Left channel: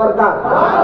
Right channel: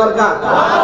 দরকার।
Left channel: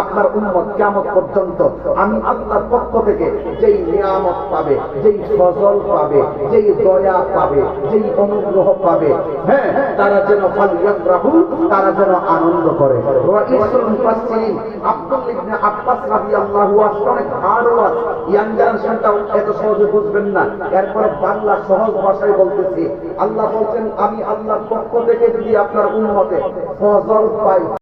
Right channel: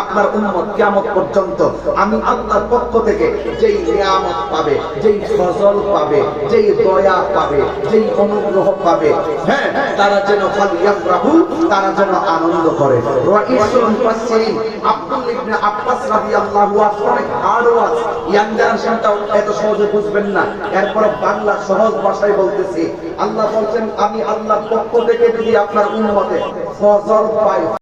আপনার উম্মত কিয়ামত পর্যন্ত আমি আল্লাহর পক্ষ থেকে যেই নিয়ামত পাবে, যেই ফজল পাবে, যেই দয়া পাবে, যেই অনুগ্রহ পাবে হ্যাঁ তারা যেন তারা যেন আনন্দ করে। বাংলা সহজ ভাষায় বলতেছি, আল্লাহ বলছেন, আমি আল্লাহর পক্ষ থেকে যদি আপনার উম্মতে ফজল পাই